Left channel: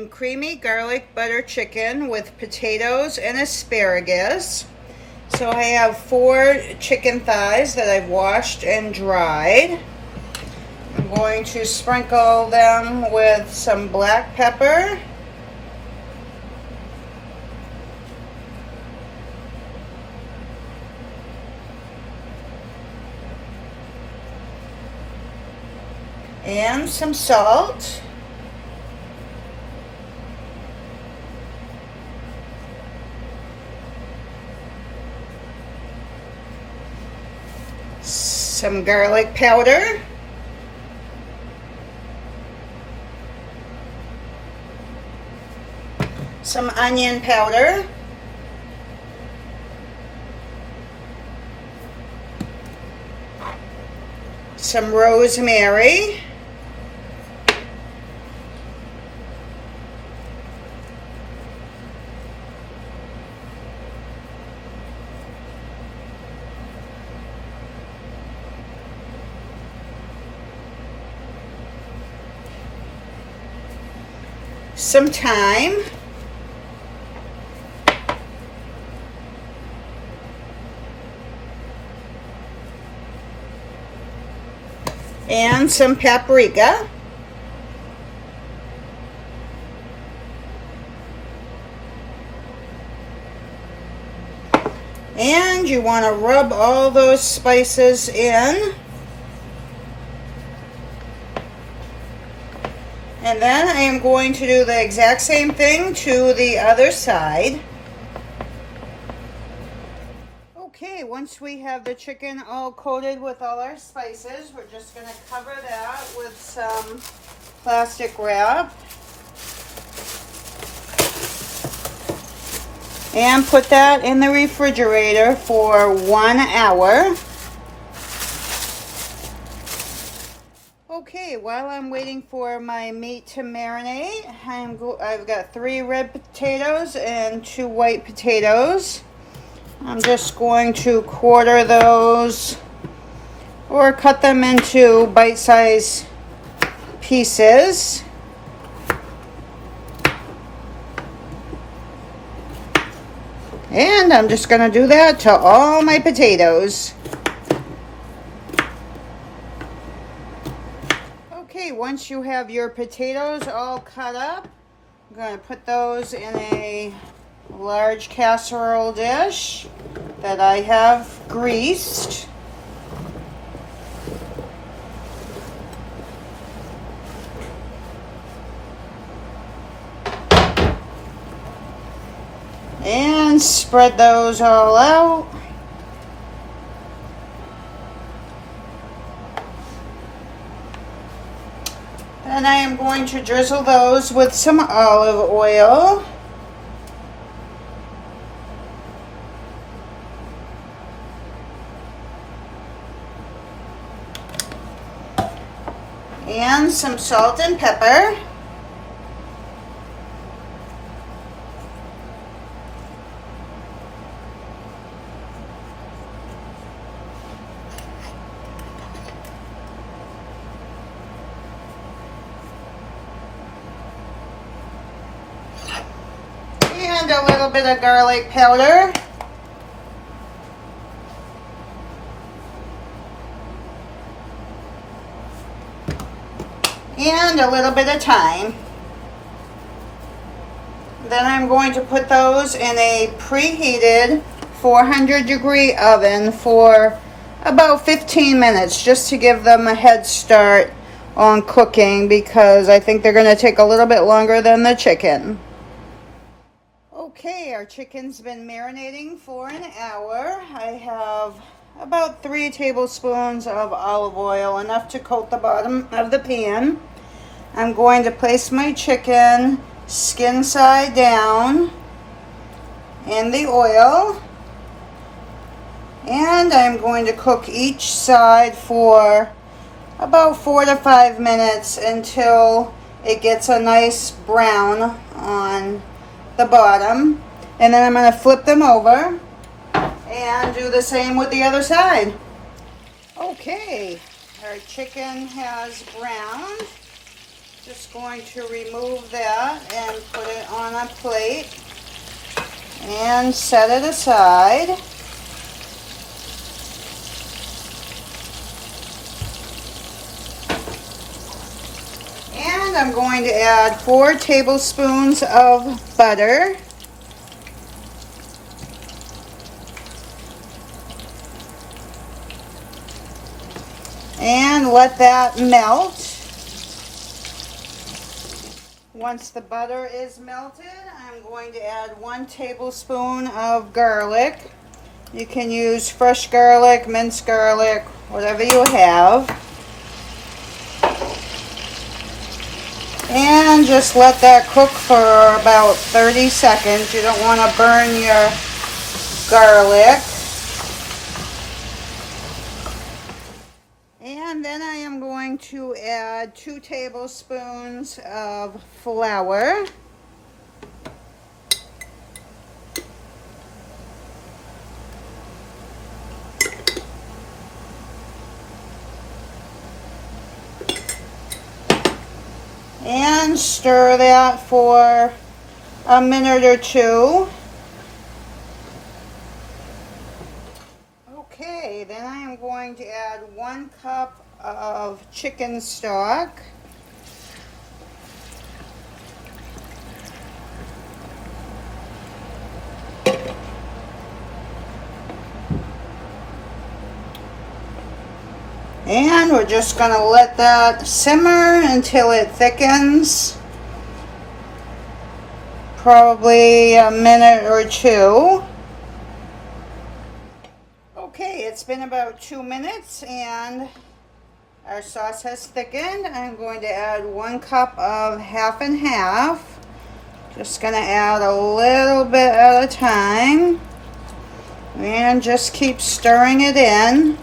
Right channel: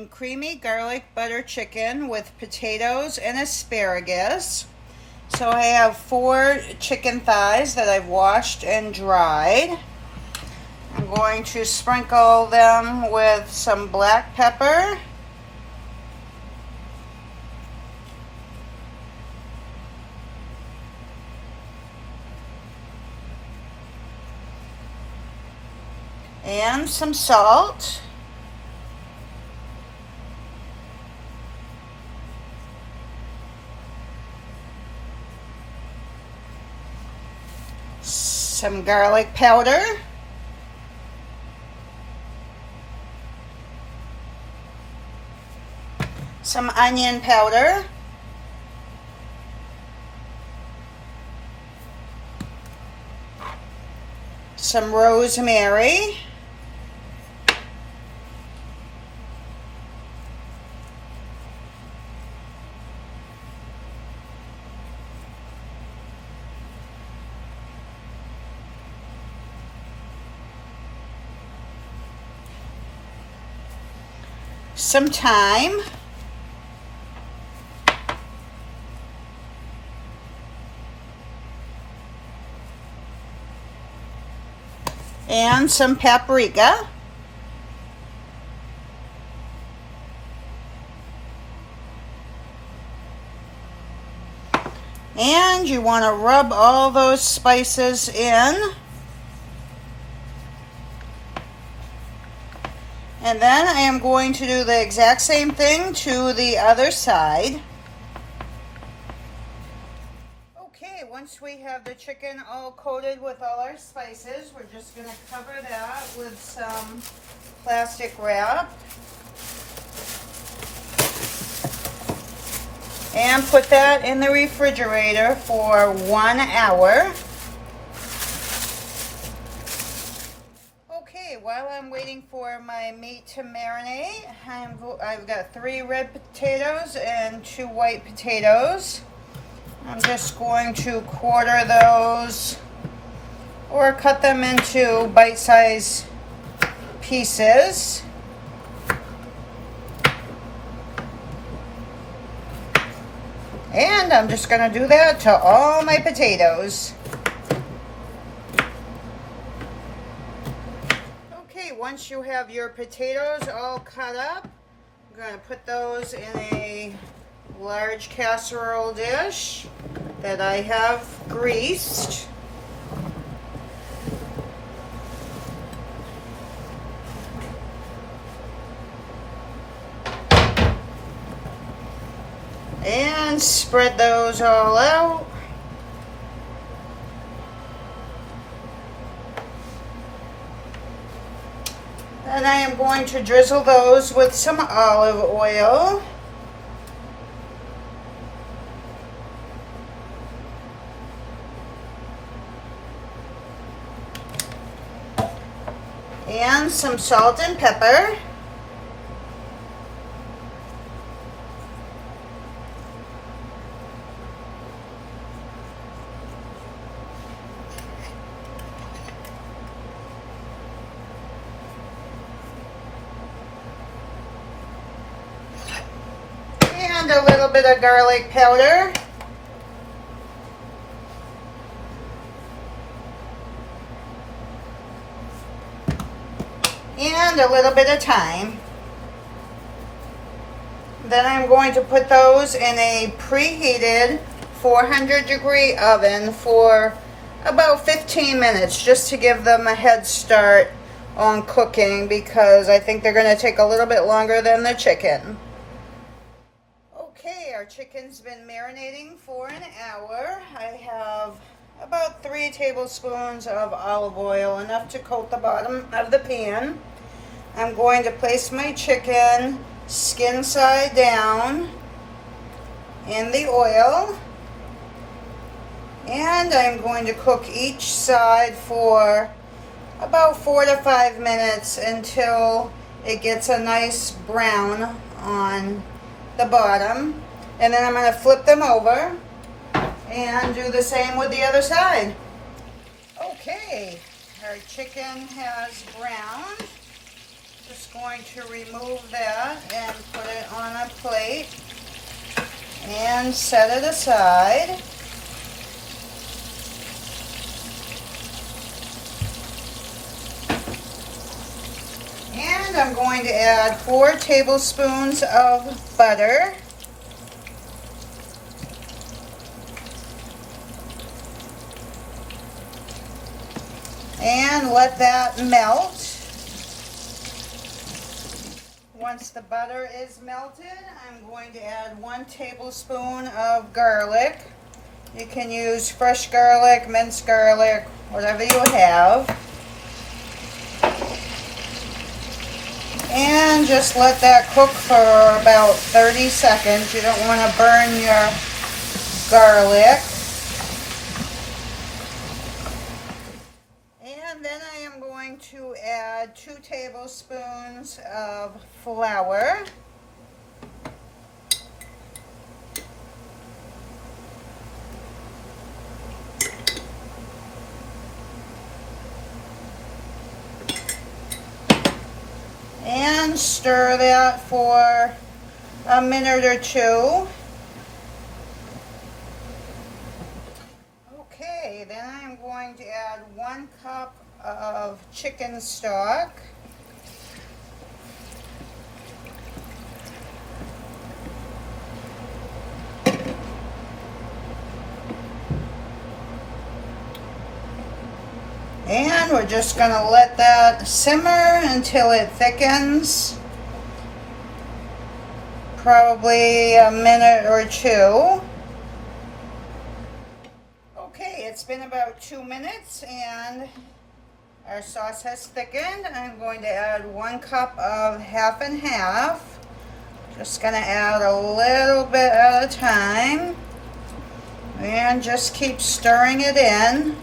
making creamy garlic butter chicken with potatoes and asparagus. So I have 4 chicken thighs that I've washed and dried. I'm going to sprinkle them with some black pepper, and some salt. Some garlic powder. Some onion powder. Some rosemary. Some thyme. And some paprika. And you want to rub all those spices in. And then I am going to do the exact same thing to the other side. Okay, once we have the chicken all coated with all our spices, we're just going to cover that with some plastic wrap. And put that in the refrigerator for 1 hour. Okay, while I'm waiting for my meat to marinate, I've got 3 red potatoes and 2 white potatoes. I'm just going to quarter those or cut them into bite-sized pieces. And I'm just going to do that to all my potatoes. Okay, once you have your potatoes all cut up, I'm going to put those in a large casserole dish that I have greased. And spread those all out. And I am going to drizzle those with some olive oil. And some salt and pepper. And a little bit of garlic powder. And a little bit of thyme. Then I'm going to put those in a preheated 400-degree oven for about 15 minutes, just to give them a head start on cooking, because I think they're going to take a little bit longer than the chicken. Okay, our chicken's been marinating for an hour. I have about 3 tablespoons of olive oil, enough to coat the bottom of the pan. I'm going to place my chicken skin side down in the oil, and I'm going to cook each side for about 4 to 5 minutes until it gets a nice brown on the bottom. And then I'm going to flip them over and do the same with the other side. Okay, our chicken has browned. Just going to remove that and on a plate and set it aside. And I'm going to add 4 tablespoons of butter. And let that melt. Once the butter is melted, I'm going to add 1 tablespoon of garlic. You can use fresh garlic, minced garlic, whatever you have. And just let that cook for about 30 seconds. You don't want to burn your garlic. And then I am going to add 2 tablespoons of flour. And stir that for a minute or 2. Okay, then I am going to add 1 cup of chicken stock. And we're just going to let that simmer until it thickens. Probably a minute or 2. Okay, it's been about 2 minutes and our sauce has thickened. I'm going to add 1 cup of half and half. Just going to add a little bit at a time. And just keep stirring it in.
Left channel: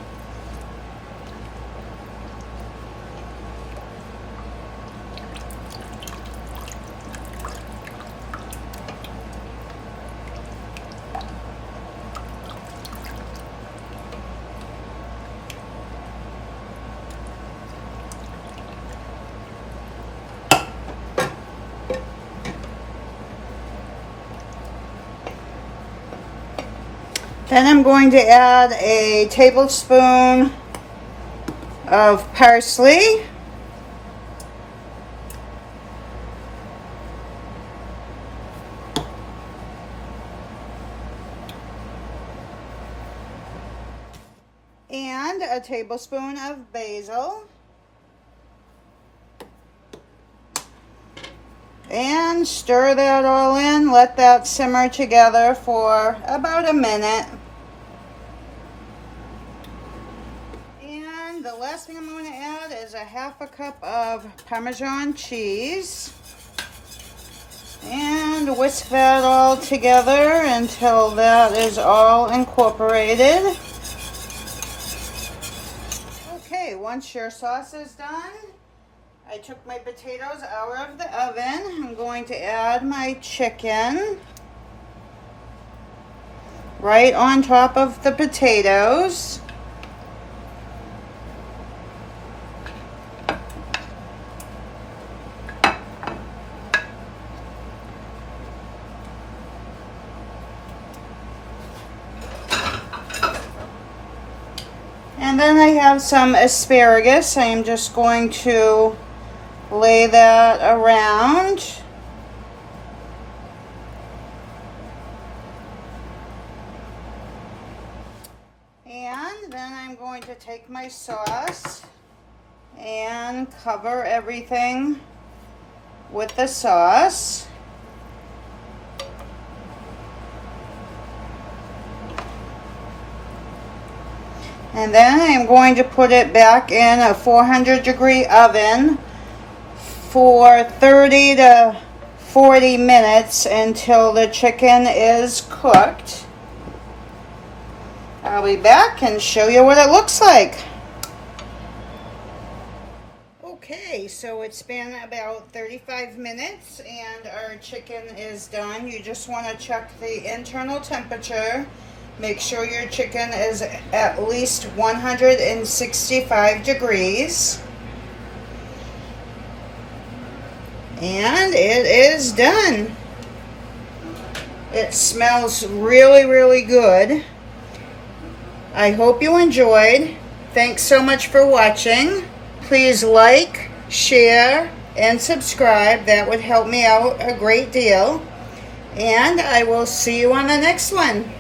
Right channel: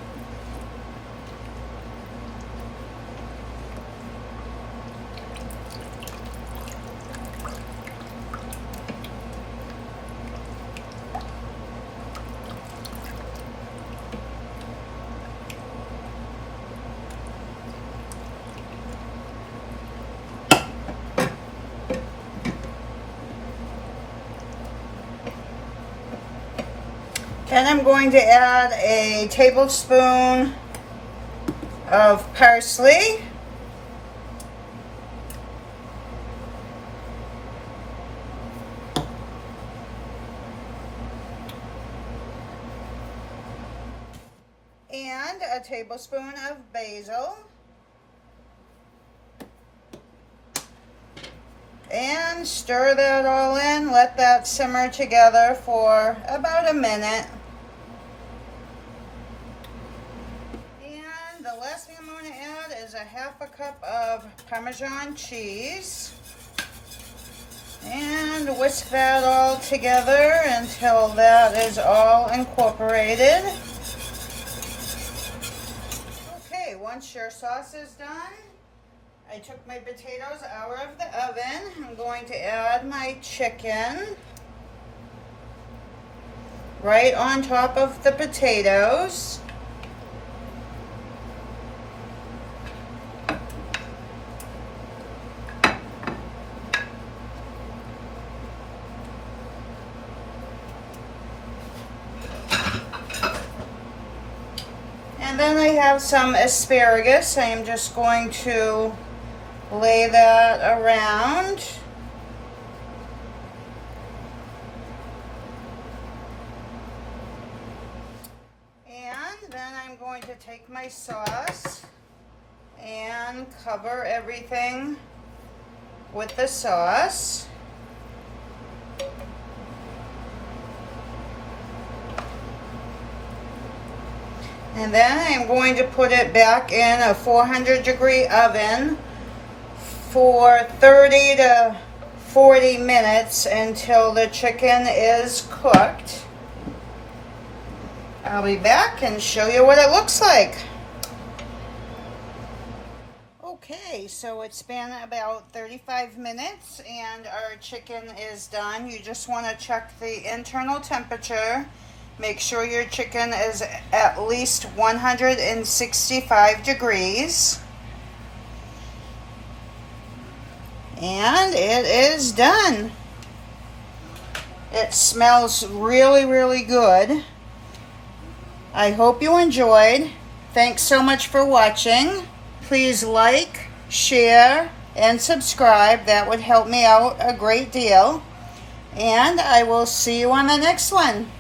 Then I'm going to add a tablespoon of parsley. And a tablespoon of basil. And stir that all in. Let that simmer together for about a minute. And the last thing I'm going to add is a half a cup of Parmesan cheese. And whisk that all together until that is all incorporated. Okay, once your sauce is done, I took my potatoes out of the oven. I'm going to add my chicken right on top of the potatoes. And then I have some asparagus. I am just going to lay that around. And then I'm going to take my sauce and cover everything with the sauce. And then I'm going to put it back in a 400-degree oven for 30 to 40 minutes until the chicken is cooked. I'll be back and show you what it looks like. Okay, so it's been about 35 minutes and our chicken is done. You just want to check the internal temperature. Make sure your chicken is at least 165 degrees. And it is done. It smells really, really good. I hope you enjoyed. Thanks so much for watching. Please like, share, and subscribe. That would help me out a great deal. And I will see you on the next one.